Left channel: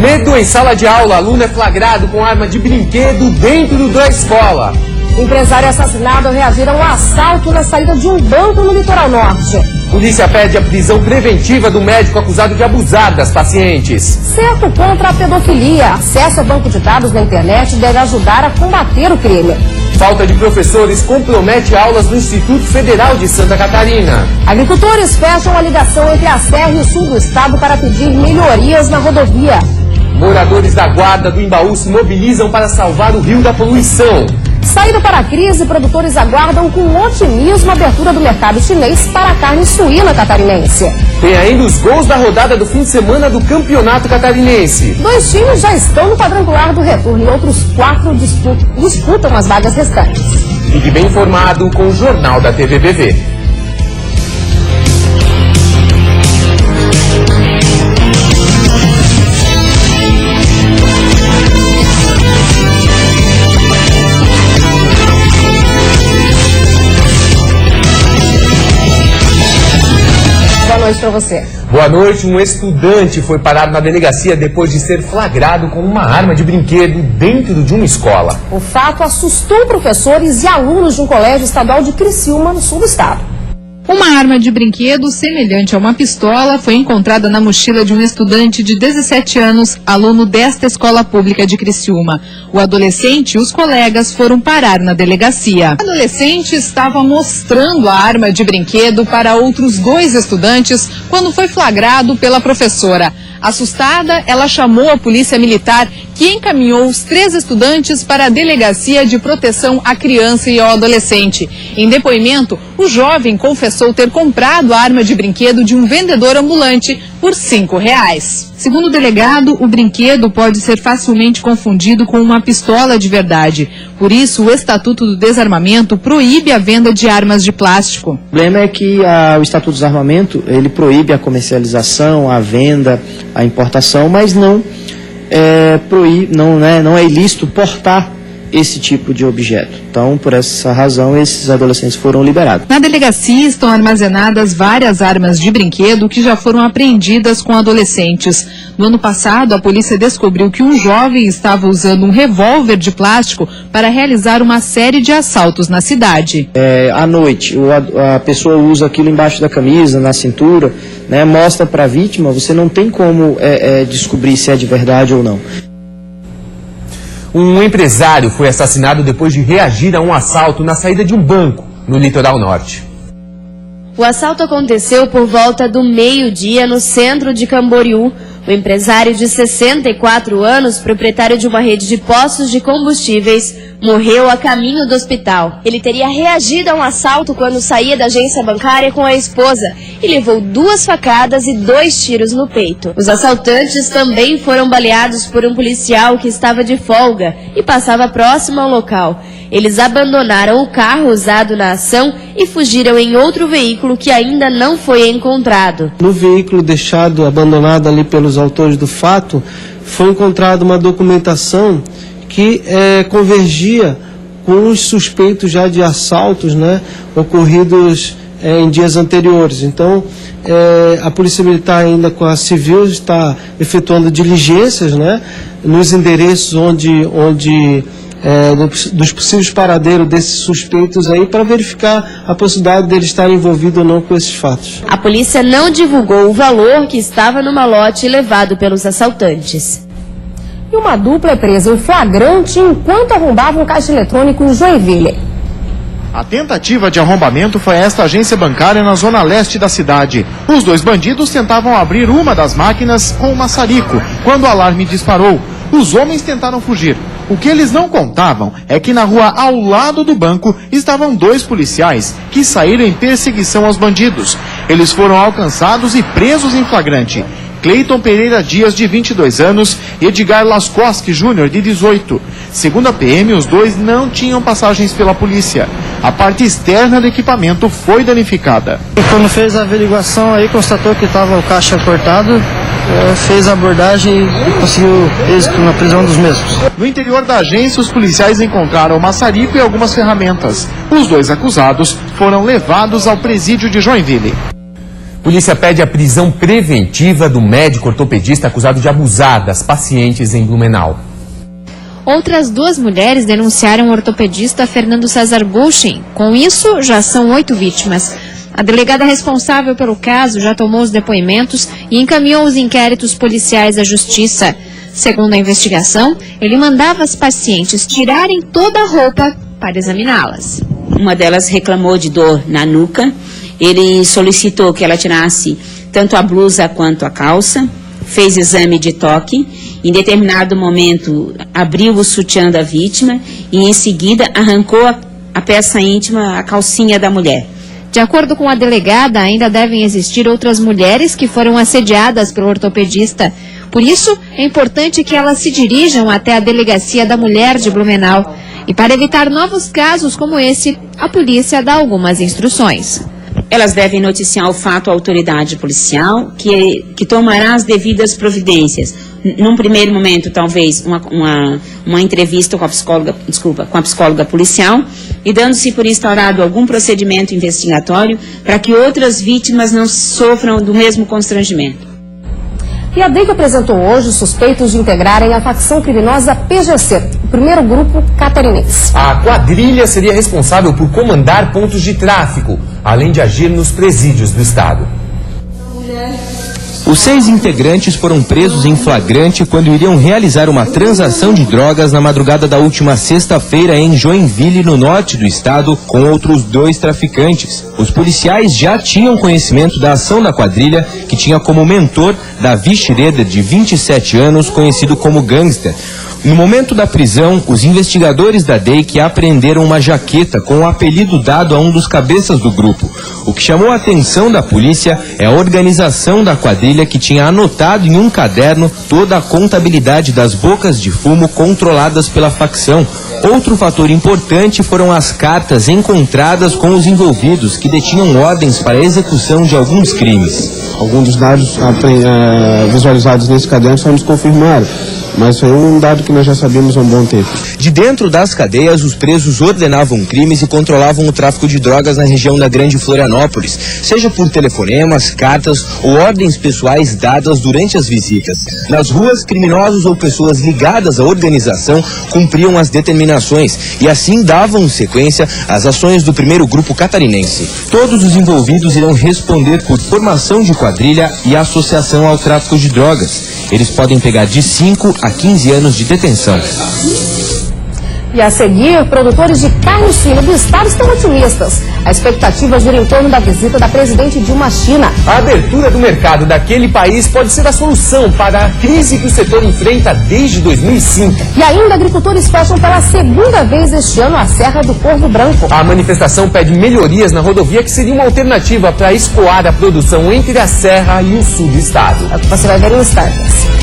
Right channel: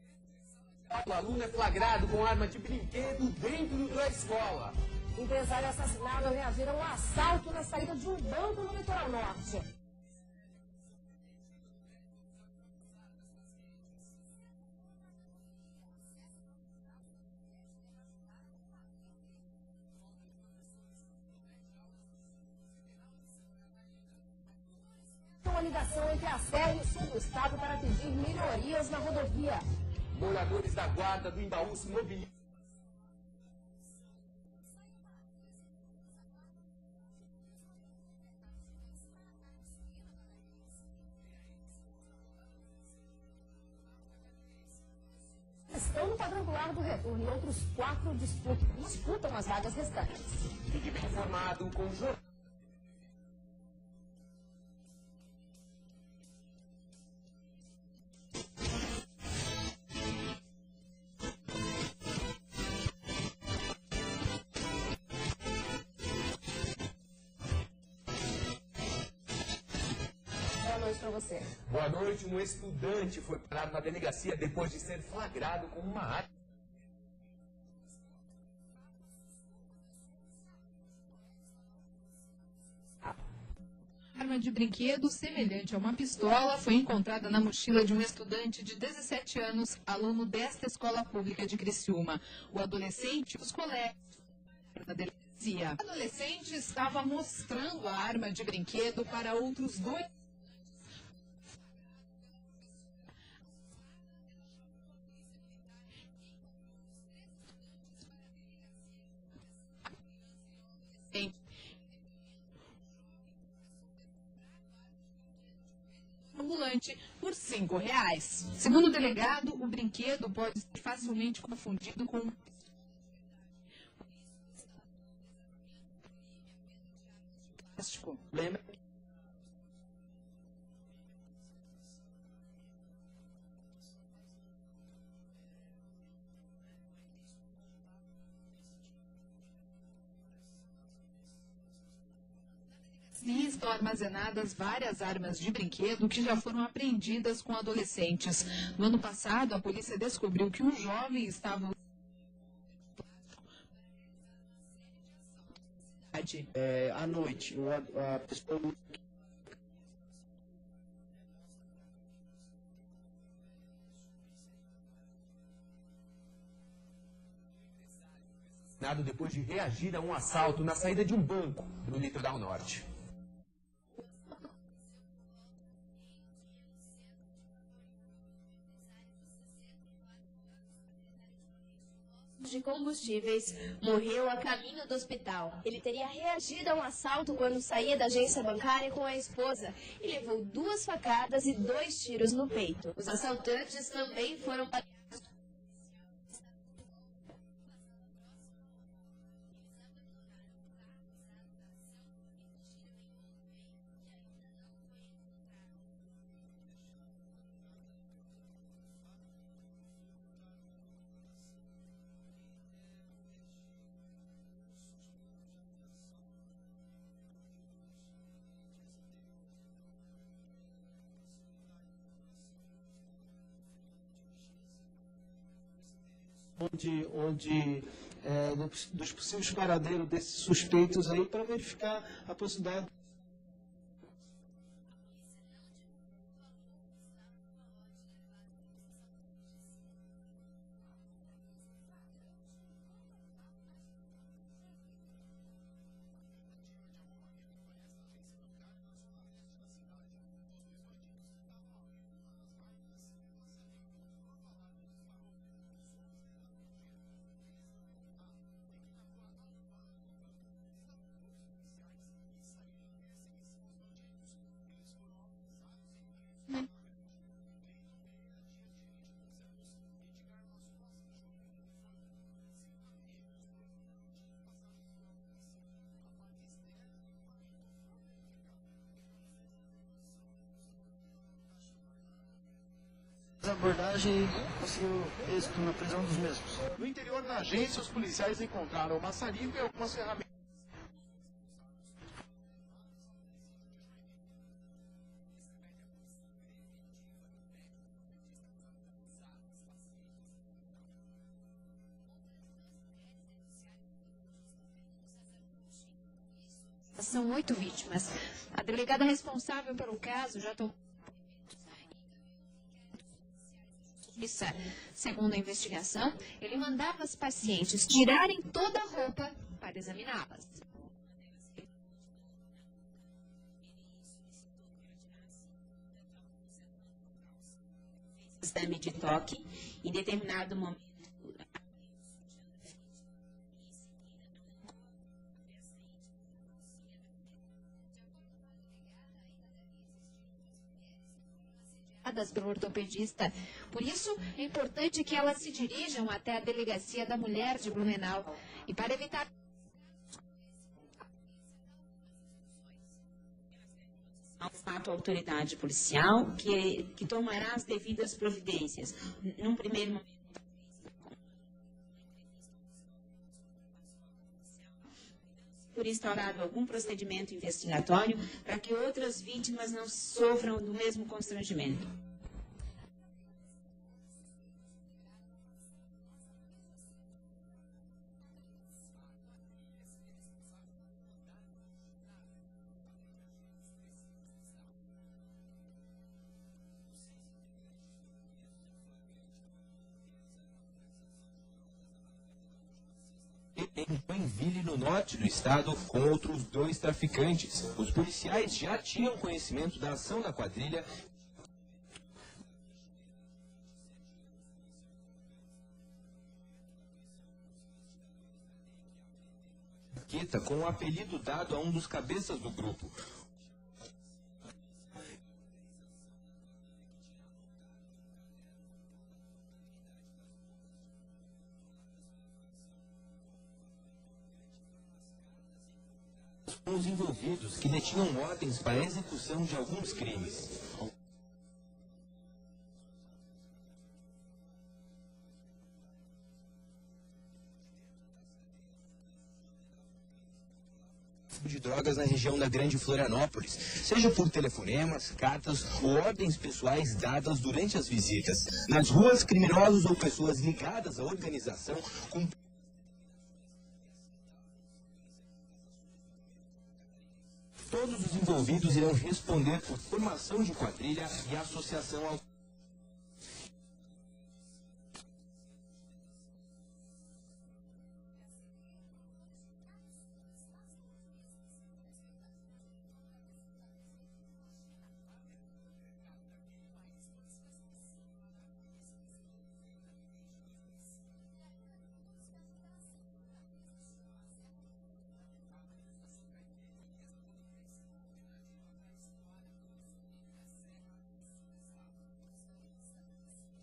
Medo em sala de aula. Aluno é flagrado com arma de brinquedo dentro da escola. Empresário assassinado ao reagir a um assalto na saída de um banco no litoral norte. Polícia pede a prisão preventiva do médico acusado de abusar das pacientes. Cerco contra a pedofilia. Acesso ao banco de dados na internet deve ajudar a combater o crime. Falta de professores compromete aulas do Instituto Federal de Santa Catarina. Agricultores fecham a ligação entre a Serra e o sul do estado para pedir melhorias na rodovia. Moradores da Guarda do Imbaú se mobilizam para salvar o rio da poluição. Saída para a crise, produtores aguardam com otimismo a abertura do mercado chinês para a carne suína catarinense. Tem ainda os gols da rodada do fim de semana do Campeonato Catarinense. 2 times já estão no quadrangular do retorno e outros 4 disputam as vagas restantes. Fique bem informado com o Jornal da TVBV. Para você. Boa noite. Um estudante foi parado na delegacia depois de ser flagrado com uma arma de brinquedo dentro de uma escola. O fato assustou professores e alunos de um colégio estadual de Criciúma, no sul do estado. Uma arma de brinquedo semelhante a uma pistola foi encontrada na mochila de um estudante de 17 anos, aluno desta escola pública de Criciúma. O adolescente e os colegas foram parar na delegacia. O adolescente estava mostrando a arma de brinquedo para outros 2 estudantes quando foi flagrado pela professora. Assustada, ela chamou a polícia militar, que encaminhou os 3 estudantes para a Delegacia de Proteção à Criança e ao Adolescente. Em depoimento, o jovem confessou ter comprado a arma de brinquedo de um vendedor ambulante por R$5. Segundo o delegado, o brinquedo pode ser facilmente confundido com uma pistola de verdade. Por isso, o Estatuto do Desarmamento proíbe a venda de armas de plástico. O problema é que o Estatuto do Desarmamento, ele proíbe a comercialização, a venda, a importação, mas não é ilícito portar esse tipo de objeto. Então, por essa razão, esses adolescentes foram liberados. Na delegacia estão armazenadas várias armas de brinquedo que já foram apreendidas com adolescentes. No ano passado, a polícia descobriu que um jovem estava usando um revólver de plástico para realizar uma série de assaltos na cidade. À noite, a pessoa usa aquilo embaixo da camisa, na cintura, né, mostra para a vítima, você não tem como descobrir se é de verdade ou não. Um empresário foi assassinado depois de reagir a um assalto na saída de um banco, no litoral norte. O assalto aconteceu por volta do meio-dia no centro de Camboriú. O empresário de 64 anos, proprietário de uma rede de postos de combustíveis, morreu a caminho do hospital. Ele teria reagido a um assalto quando saía da agência bancária com a esposa e levou 2 facadas e 2 tiros no peito. Os assaltantes também foram baleados por um policial que estava de folga e passava próximo ao local. Eles abandonaram o carro usado na ação e fugiram em outro veículo que ainda não foi encontrado. No veículo deixado abandonado ali pelos autores do fato, foi encontrada uma documentação que convergia com os suspeitos já de assaltos, né, ocorridos em dias anteriores. Então, a Polícia Militar ainda com a Civil está efetuando diligências, né, nos endereços dos possíveis paradeiros desses suspeitos aí, para verificar a possibilidade deles estarem envolvidos ou não com esses fatos. A polícia não divulgou o valor que estava no malote levado pelos assaltantes. E uma dupla é presa em flagrante enquanto arrombava um caixa eletrônico em Joinville. A tentativa de arrombamento foi esta agência bancária na zona leste da cidade. Os 2 bandidos tentavam abrir uma das máquinas com um maçarico, quando o alarme disparou. Os homens tentaram fugir. O que eles não contavam é que na rua ao lado do banco estavam 2 policiais que saíram em perseguição aos bandidos. Eles foram alcançados e presos em flagrante. Cleiton Pereira Dias, de 22 anos, e Edgar Lascosque Júnior, de 18. Segundo a PM, os 2 não tinham passagens pela polícia. A parte externa do equipamento foi danificada. Quando fez a averiguação aí, constatou que estava o caixa cortado, fez a abordagem e conseguiu êxito na prisão dos mesmos. No interior da agência, os policiais encontraram o maçarico e algumas ferramentas. Os 2 acusados foram levados ao presídio de Joinville. Polícia pede a prisão preventiva do médico ortopedista acusado de abusar das pacientes em Blumenau. Outras 2 mulheres denunciaram o ortopedista Fernando César Buchin. Com isso, já são 8 vítimas. A delegada responsável pelo caso já tomou os depoimentos e encaminhou os inquéritos policiais à justiça. Segundo a investigação, ele mandava as pacientes tirarem toda a roupa para examiná-las. Uma delas reclamou de dor na nuca. Ele solicitou que ela tirasse tanto a blusa quanto a calça, fez exame de toque, em determinado momento abriu o sutiã da vítima e em seguida arrancou a peça íntima, a calcinha da mulher. De acordo com a delegada, ainda devem existir outras mulheres que foram assediadas pelo ortopedista. Por isso, é importante que elas se dirijam até a Delegacia da Mulher de Blumenau. E para evitar novos casos como esse, a polícia dá algumas instruções. Elas devem noticiar o fato à autoridade policial, que tomará as devidas providências. Num primeiro momento, talvez, uma entrevista com a psicóloga policial, e dando-se por instaurado algum procedimento investigatório para que outras vítimas não sofram do mesmo constrangimento. E a DEIC apresentou hoje suspeitos de integrarem a facção criminosa PGC, o primeiro grupo catarinense. A quadrilha seria responsável por comandar pontos de tráfico, além de agir nos presídios do estado. Os 6 integrantes foram presos em flagrante quando iriam realizar uma transação de drogas na madrugada da última sexta-feira em Joinville, no norte do estado, com outros 2 traficantes. Os policiais já tinham conhecimento da ação da quadrilha, que tinha como mentor Davi Schroeder, de 27 anos, conhecido como Gangster. No momento da prisão, os investigadores da DEIC apreenderam uma jaqueta com o apelido dado a um dos cabeças do grupo. O que chamou a atenção da polícia é a organização da quadrilha, que tinha anotado em um caderno toda a contabilidade das bocas de fumo controladas pela facção. Outro fator importante foram as cartas encontradas com os envolvidos, que detinham ordens para a execução de alguns crimes. Alguns dos dados visualizados nesse caderno só nos confirmaram, mas foi um dado que nós já sabíamos há um bom tempo. De dentro das cadeias, os presos ordenavam crimes e controlavam o tráfico de drogas na região da Grande Florianópolis, seja por telefonemas, cartas ou ordens pessoais dadas durante as visitas. Nas ruas, criminosos ou pessoas ligadas à organização cumpriam as determinações e assim davam sequência às ações do primeiro grupo catarinense. Todos os envolvidos irão responder por formação de quadrilha e associação ao tráfico de drogas. Eles podem pegar de 5 a 15 anos de detenção. E a seguir, produtores de carne suína do estado estão otimistas. A expectativa gira em torno da visita da presidente Dilma à China. A abertura do mercado daquele país pode ser a solução para a crise que o setor enfrenta desde 2005. E ainda, agricultores fecham pela segunda vez este ano a Serra do Corvo Branco. A manifestação pede melhorias na rodovia, que seria uma alternativa para escoar a produção entre a serra e o sul do estado. É o que você vai ver no Stars.